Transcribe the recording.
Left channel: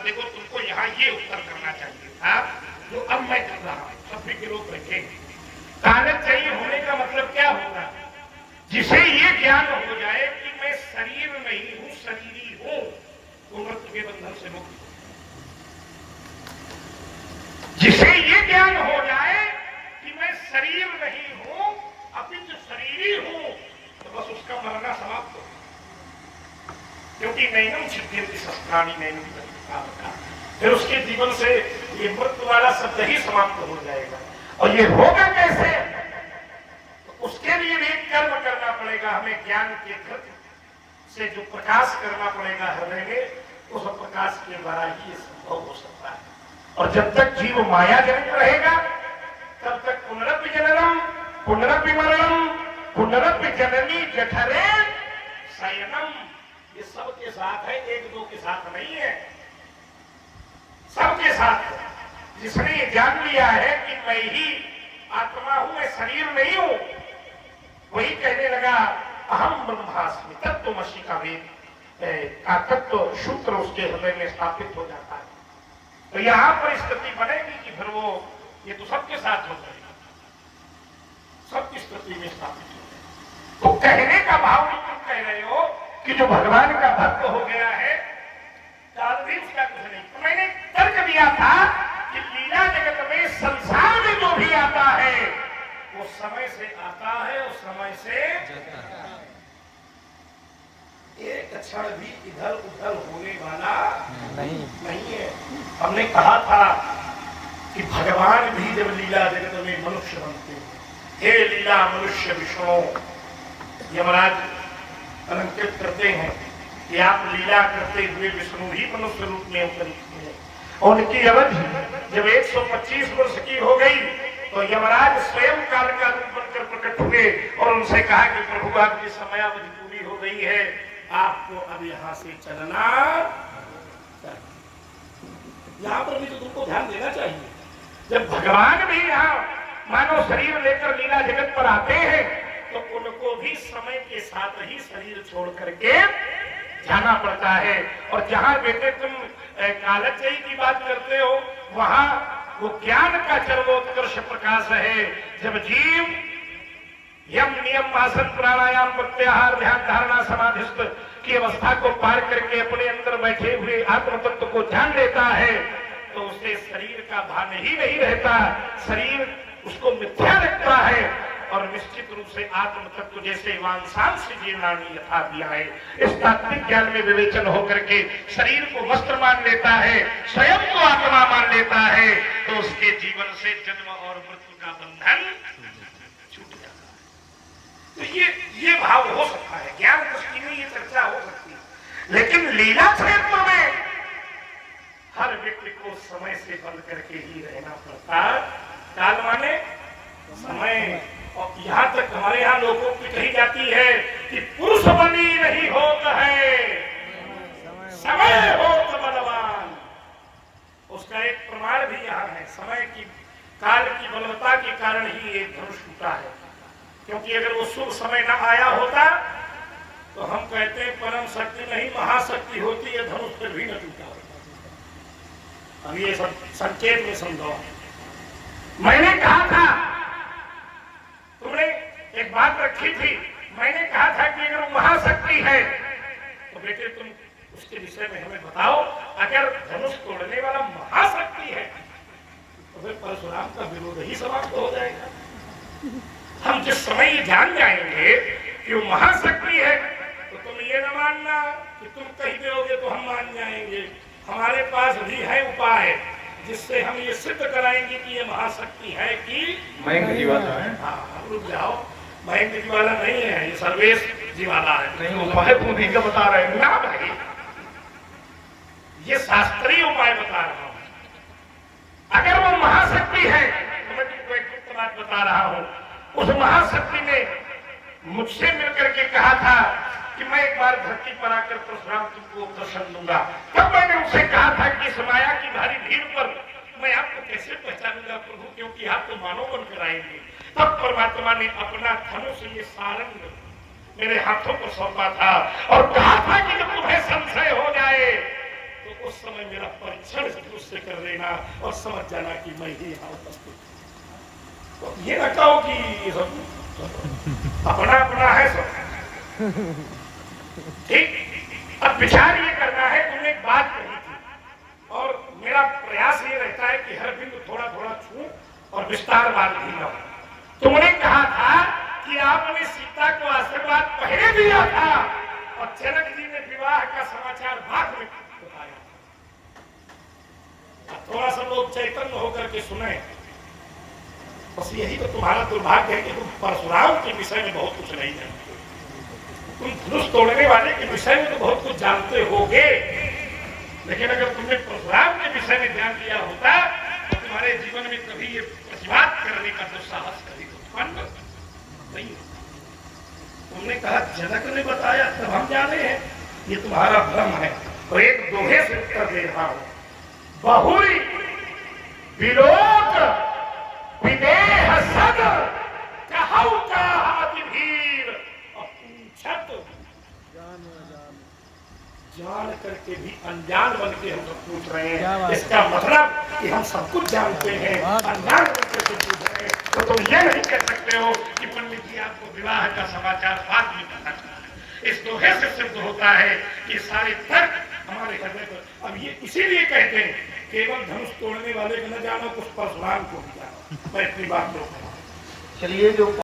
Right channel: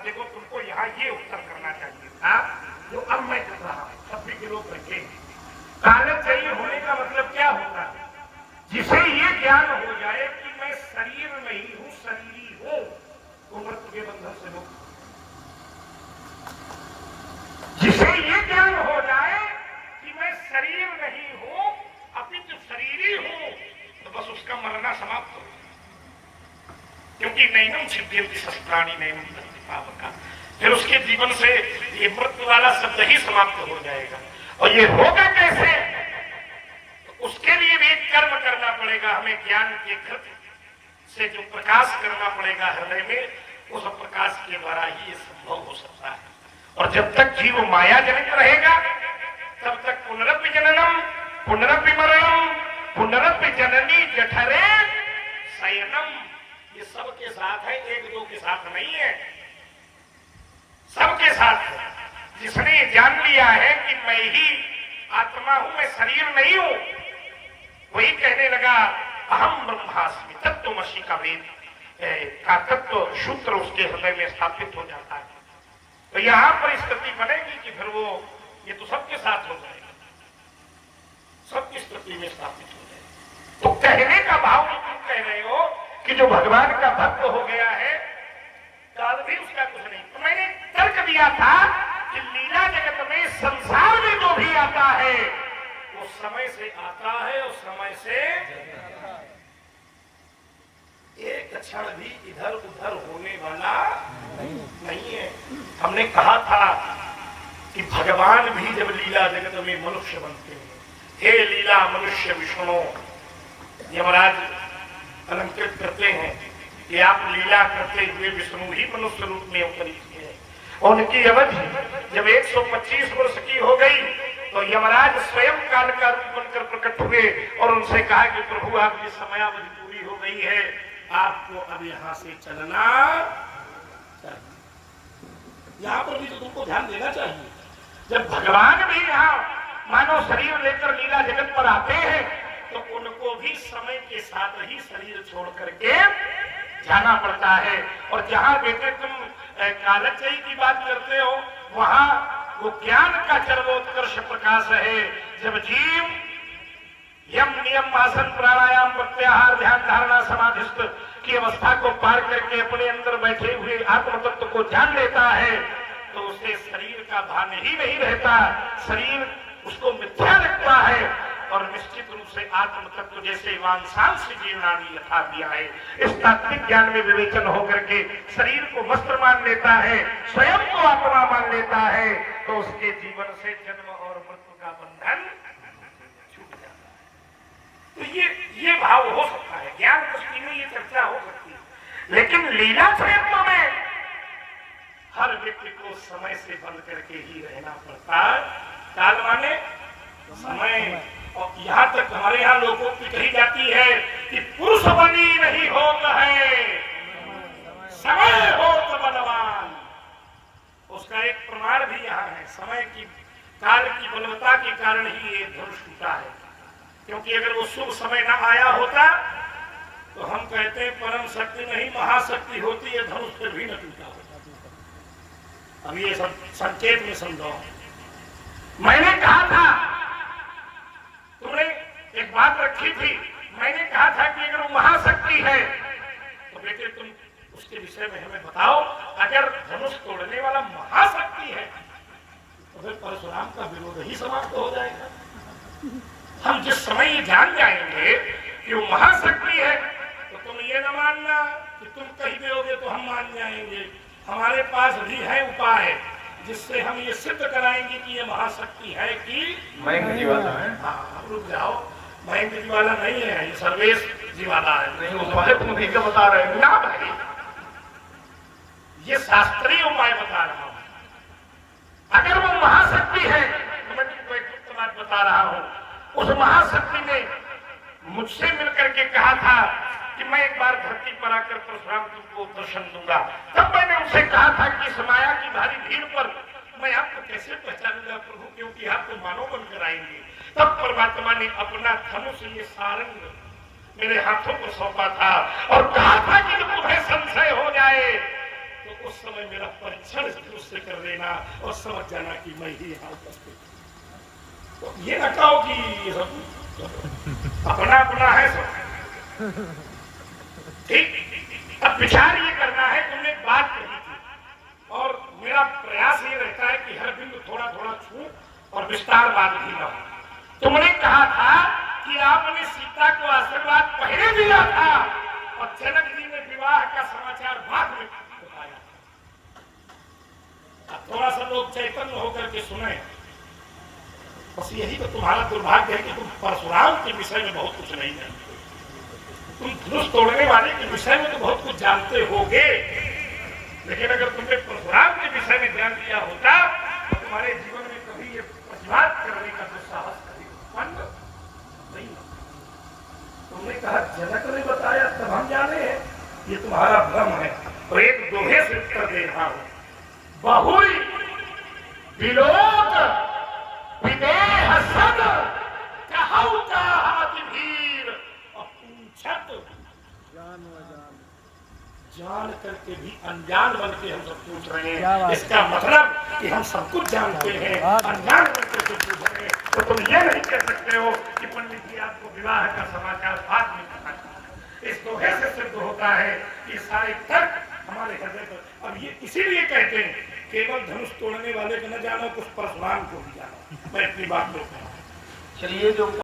अब देखो तुमको यहाँ ये उत्तर करना चाहिए था जो अब मैं कर रहा हूँ, सब भी लोग बैठे। कागज चाहिए होने का मतलब क्या होता है? जिसे ये ज्ञान हो जाए कि मैं शरीर नहीं हूं, शरीरी हूं, तो मृत्यु के बंधन से मुक्त। जिसे ये ज्ञान हो जाए कि मैं शरीर नहीं हूं अपितु शरीरी हूं, तो बस उसका मरना समाप्त हो। क्योंकि नैनम सिद्धिर्ति शस्त्राणि नैनम का, फिर उसके जीवन से ये मृत्यु वाला शब्द ही समाप्त हो जाएगा। और ये होगा कैसे? उसके लिए भी कर्म करना पड़ेगा हमें, ज्ञान के कृत्य से जो प्रकाश करना पड़ेगा हृदय में, उस प्रकाश के द्वारा ही ये संभव हो सकता है। और जब तक जीव माया जनित रहेगा तब तक पुनरपि जननम पुनरपि मरणम पुनरपि जननी जठरे शयनम, ये सबके साथ है, एक दो के साथ नहीं है, सबके साथ है। जिसने जान लिया है कि मैं ही आत्मा हूं, मैं शरीर नहीं हूं, वही कहने लगा अहम ब्रह्मास्मि, तत्त्वमसि का वेद का तत्व सूत्र उसके हृदय में स्थापित हो जाता है। तो यहां पर स्थिति बनेगी कि फिर वो ये तो सबके साथ हो जाएगा, सबकी स्थिति में स्थापित हो जाएगा। तो कहने का भाव क्यों कह रहे हो कि जो भगवान का भक्त हो गया है काल भी उसका कुछ नहीं। तो मैंने तर्क दिया था कि लीला जगत में संसार में जो भी आता है वो समय से आता है और समय से जाता है, एक क्षण भी इधर उधर होने वाला नहीं है। हमने कहा था कि भगवान भी जब लीला जगत में मनुष्य बनते हैं, हे लीला मनुष्य विष्णु, यमराज अलंकृत करते हैं कि आप लीला करते हुए विष्णु ही मनुष्य रूप में अवतरित हुए। उनकी अवधि जब 125 वर्ष की हो गई तो यमराज स्वयं काल का रूप बनकर प्रकट हुए और उनसे कहा कि प्रभु आपकी समयावधि पूरी हो गई है, आपको अब यहाँ से चलना चाहिए। यहाँ पर भी तो तुमको ध्यान देना चाहिए, जब भगवान भी यहाँ मानव शरीर लेकर लीला जगत पर आते हैं तो उनको भी समय के साथ ही शरीर छोड़ करके जाना पड़ता है। और जहाँ बेटे तुम कालचयी की बात करते हो वहां वो ज्ञान का सर्वोत्कर्ष प्रकाश है। जब जीव यम नियम आसन प्राणायाम प्रत्याहार ध्यान धारणा समाधिस्थ की अवस्था को पार करके अपने अंदर बैठे हुए आत्म तत्व को ध्यान देता है तो उसे शरीर का भान ही नहीं रहता, शरीर उसको मिथ्या लगता है और निश्चित रूप से आत्म तत्व जैसे वांसांश जीवनानी यथा दिया है, इस तात्विक ज्ञान में विवेचन होकर के शरीर को वस्त्र मान लेता है, स्वयं को आत्मा मान लेता है, तो उसके जीवन से जन्म और मृत्यु का बंधन छूट जाता है। तो ये भाव हो सकता है, ज्ञान दृष्टि में ये चर्चा हो सकती है, लेकिन लीला क्षेत्र में हर व्यक्ति को समय से बंध करके ही रहना पड़ता है। काल माने समय, और यहाँ तक हमारे यहाँ लोगों की कही जाती है कि पुरुष बनी नहीं होत है, समय हो तो बलवान। उसका एक प्रमाण भी यहाँ है, समय की काल की बलवत्ता के कारण ही ये धनुष टूटा है। क्योंकि अगर वो शुभ समय ना आया होता तो हम कहते हैं परम शक्ति नहीं महाशक्ति होती है, धनुष फिर भी न टूटा होता। अब ये सब संकेत में समझो। मैंने कहा था, तुमने एक बात रखी थी, मैंने कहा था कि अगर वो महाशक्ति है तो बेटे तुम उसके विषय में हमें बताओ। अगर धनुष तोड़ने वाला महाशक्ति है तो फिर परशुराम का विरोध ही समाप्त हो जाएगा। हम जिस समय ये जान जाएंगे कि वो महाशक्ति है तो तुम ये न मानना कि तुम कही दोगे तो हम मान जाएंगे। हमारे पास भी है उपाय जिससे हम ये सिद्ध कराएंगे कि ये महाशक्ति है कि मयंक जीवाला है। हाँ, हम रुक जाओ, मयंक जीवाला नहीं है, ये सर्वेश जीवाला है। नहीं, उपाय तुम नहीं का बता रहे ना भाई, ये शास्त्रीय उपाय बता रहा हूँ। अगर वो महाशक्ति है तो मैं तुमको एक गुप्त बात बता रहा हूँ। उस महाशक्ति ने मुझसे मिलकर के कहा था कि मैं एक बार धरती पर आकर परशुराम तुमको दर्शन दूंगा। तब मैंने उनसे कहा था कि इस माया की भारी भीड़ पर मैं आपको कैसे पहचानूंगा प्रभु, क्योंकि आप तो मानव बनकर आएंगे। तब परमात्मा ने अपना धनुष ये सारंग मेरे हाथों पर सौंपा था और कहा था कि जब तुम्हें संशय हो जाए तो उस समय मेरा परीक्षण उससे कर लेना और समझ जाना कि मैं ही यहाँ उपस्थित हूँ। तो ये ना कहो कि ये सब अपना अपना है सब, ठीक। अब विचार ये करना है, तुमने एक बात कही थी और मेरा प्रयास ये रहता है कि हर दिन थोड़ा थोड़ा छू और विस्तारवाद भी ना हो। तुमने कहा था कि आपने सीता को आशीर्वाद पहले दिया था और जनक जी ने विवाह का समाचार बाद में बताया था। थोड़ा सा लोग चैतन्य होकर के सुने। बस यही तो तुम्हारा दुर्भाग्य है कि तुम परशुराम के विषय में बहुत कुछ नहीं जानते। तुम धनुष तोड़ने वाले के विषय में तो बहुत कुछ जानते होगे, लेकिन अगर तुमने परशुराम के विषय में ध्यान दिया होता तो तुम्हारे जीवन में कभी ये प्रतिवाद करने का दुस्साहस कभी उत्पन्न नहीं होता। तुमने कहा जनक ने बताया तब हम जाने हैं, ये तुम्हारा भ्रम है। और एक दोहे से उत्तर दे रहा हूं, बहुरी विलोक विदेह सद कहौ कहाति भीर अपूछत। जान करके भी अनजान बन के हम सब पूछ रहे हैं। इसका मतलब कि हम सब कुछ जानते हैं, अनजान बन के पूछ रहे हैं। तो तुम ये नहीं कह सकते हो कि पंडित जी आपको विवाह का समाचार बाद में पता चला। इस दोहे से सिद्ध होता है कि सारे तर्क हमारे हृदय पर। अब ये इसीलिए कहते हैं केवल धनुष तोड़ने वाले को न जानो, कुछ परशुराम को भी जानो। मैं इतनी बात बोलता हूँ। चलिए जो